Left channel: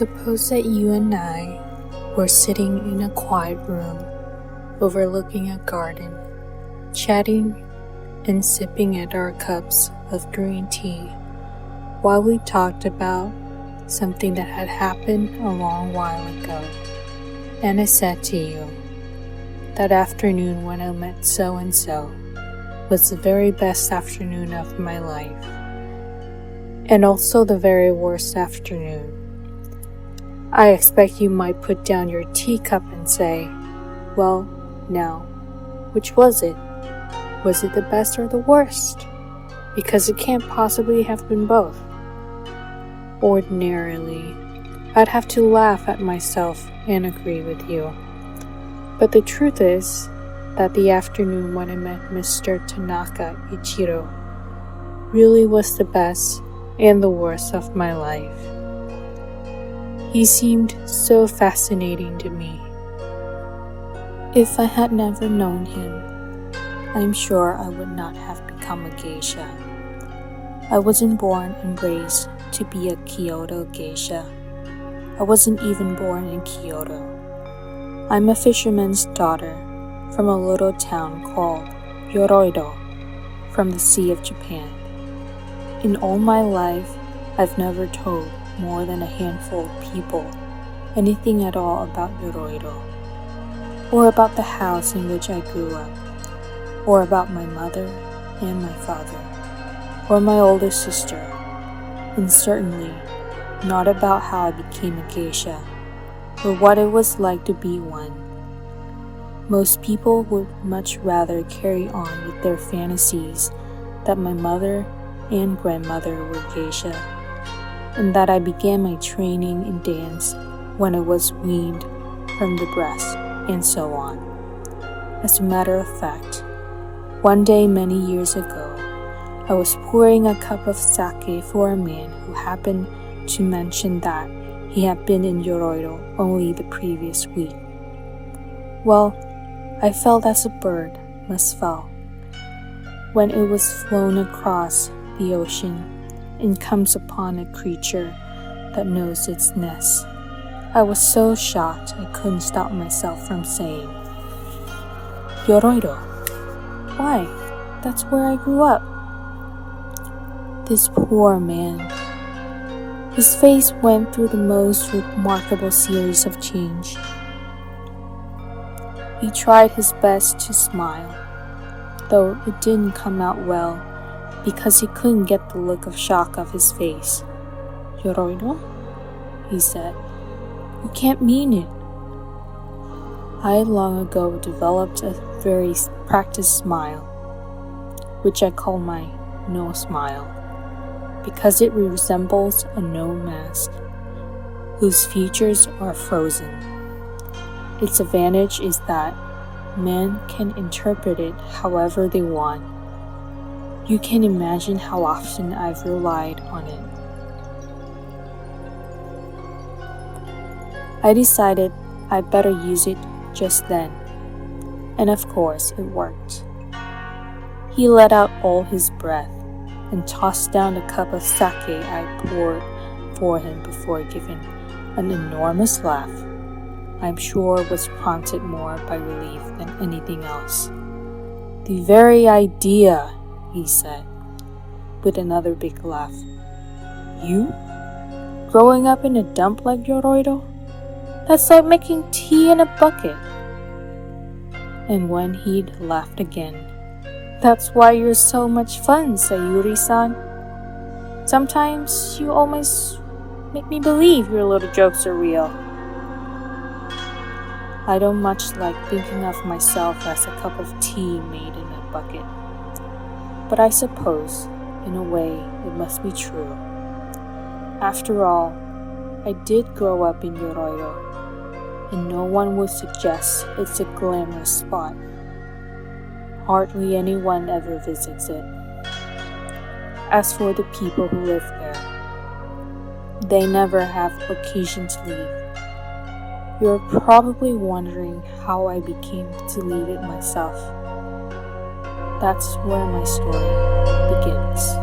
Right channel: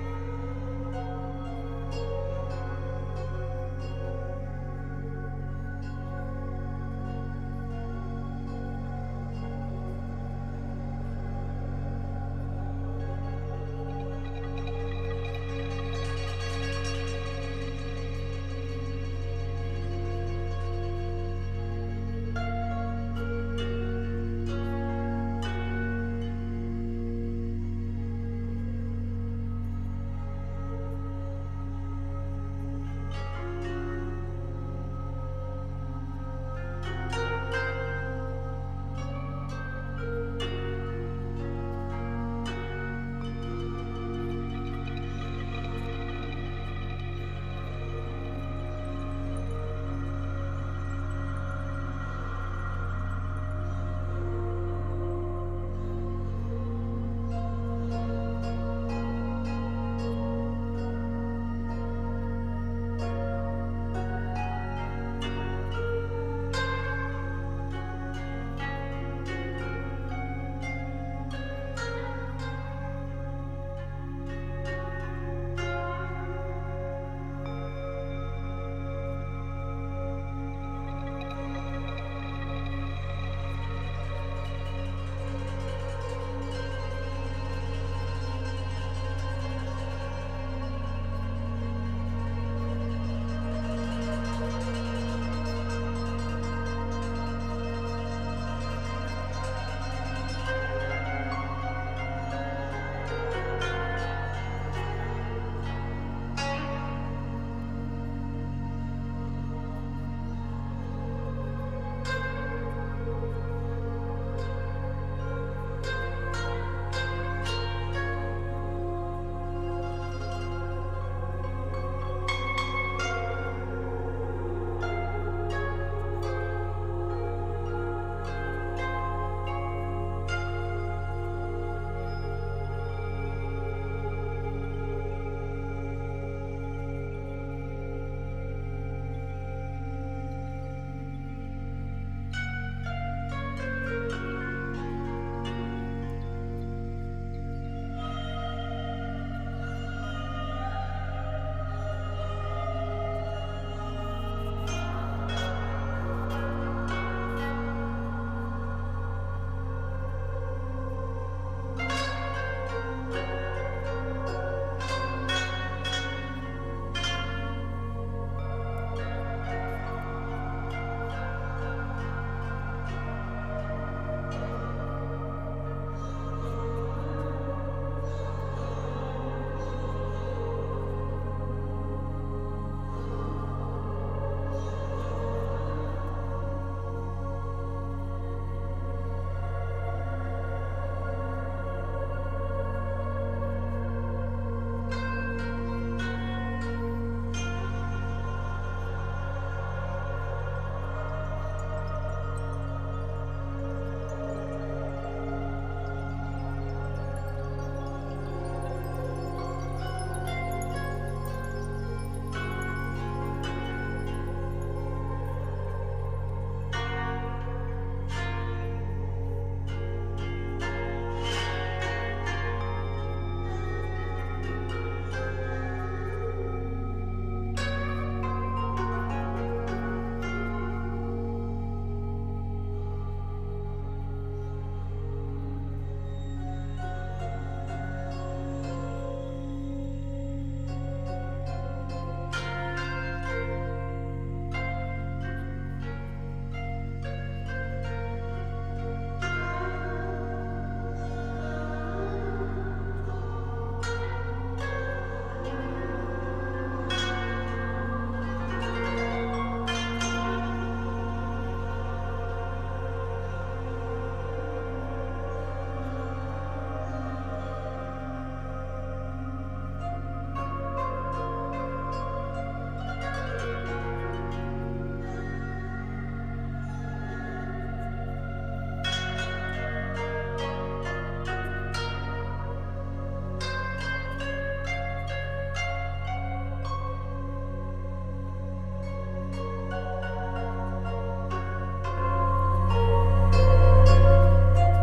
Suppose that you and I were sitting in a quiet room, overlooking a garden, chatting and sipping at our cups of green tea, while we talked about something that had happened a long while ago. And I said to you, that afternoon when I met so-and-so was the very best afternoon of my life, and also the very worst afternoon. I expect you might put down your teacup and say, well, now, which was it? Was it the best or the worst? Because it can't possibly have been both. Ordinarily, I'd have to laugh at myself and agree with you. But the truth is that the afternoon when I met Mr. Tanaka Ichiro really was the best and the worst of my life. He seemed so fascinating to me. If I had never known him, I'm sure I would not have become a geisha. I wasn't born and raised to be a Kyoto geisha. I wasn't even born in Kyoto. I'm a fisherman's daughter from a little town called Yoroido, from the Sea of Japan. In all my life, I've never told more than a handful of people anything at all about Yoroido, or about the house in which I grew up, or about my mother and my father, or my older sister, and certainly not about how I became a geisha, or what it was like to be one. Most people would much rather carry on with their fantasies that my mother and grandmother were geisha, and that I began my training in dance when I was weaned from the breast, and so on. As a matter of fact, one day many years ago, I was pouring a cup of sake for a man who happened to mention that he had been in Yoroido only the previous week. Well, I felt as a bird must feel when it was flown across the ocean and comes upon a creature that knows its nest. I was so shocked I couldn't stop myself from saying, Yoroido? Why, that's where I grew up. This poor man. His face went through the most remarkable series of change. He tried his best to smile, though it didn't come out well because he couldn't get the look of shock off his face. Yoroido? He said. You can't mean it. I had long ago developed a very practiced smile, which I call my no smile, because it resembles a no mask, whose features are frozen. Its advantage is that men can interpret it however they want. You can imagine how often I've relied on it. I decided I'd better use it just then, and of course it worked. He let out all his breath and tossed down the cup of sake I poured for him before giving an enormous laugh. I'm sure was prompted more by relief than anything else. The very idea, he said, with another big laugh. You? Growing up in a dump like Yoroido? That's like making tea in a bucket. And when he'd laughed again, that's why you're so much fun, Sayuri-san. Sometimes you almost make me believe your little jokes are real. I don't much like thinking of myself as a cup of tea made in a bucket. But I suppose, in a way, it must be true. After all, I did grow up in Yoroido, and no one would suggest it's a glamorous spot. Hardly anyone ever visits it. As for the people who live there, they never have occasion to leave. You're probably wondering how I became to leave it myself. That's where my story begins.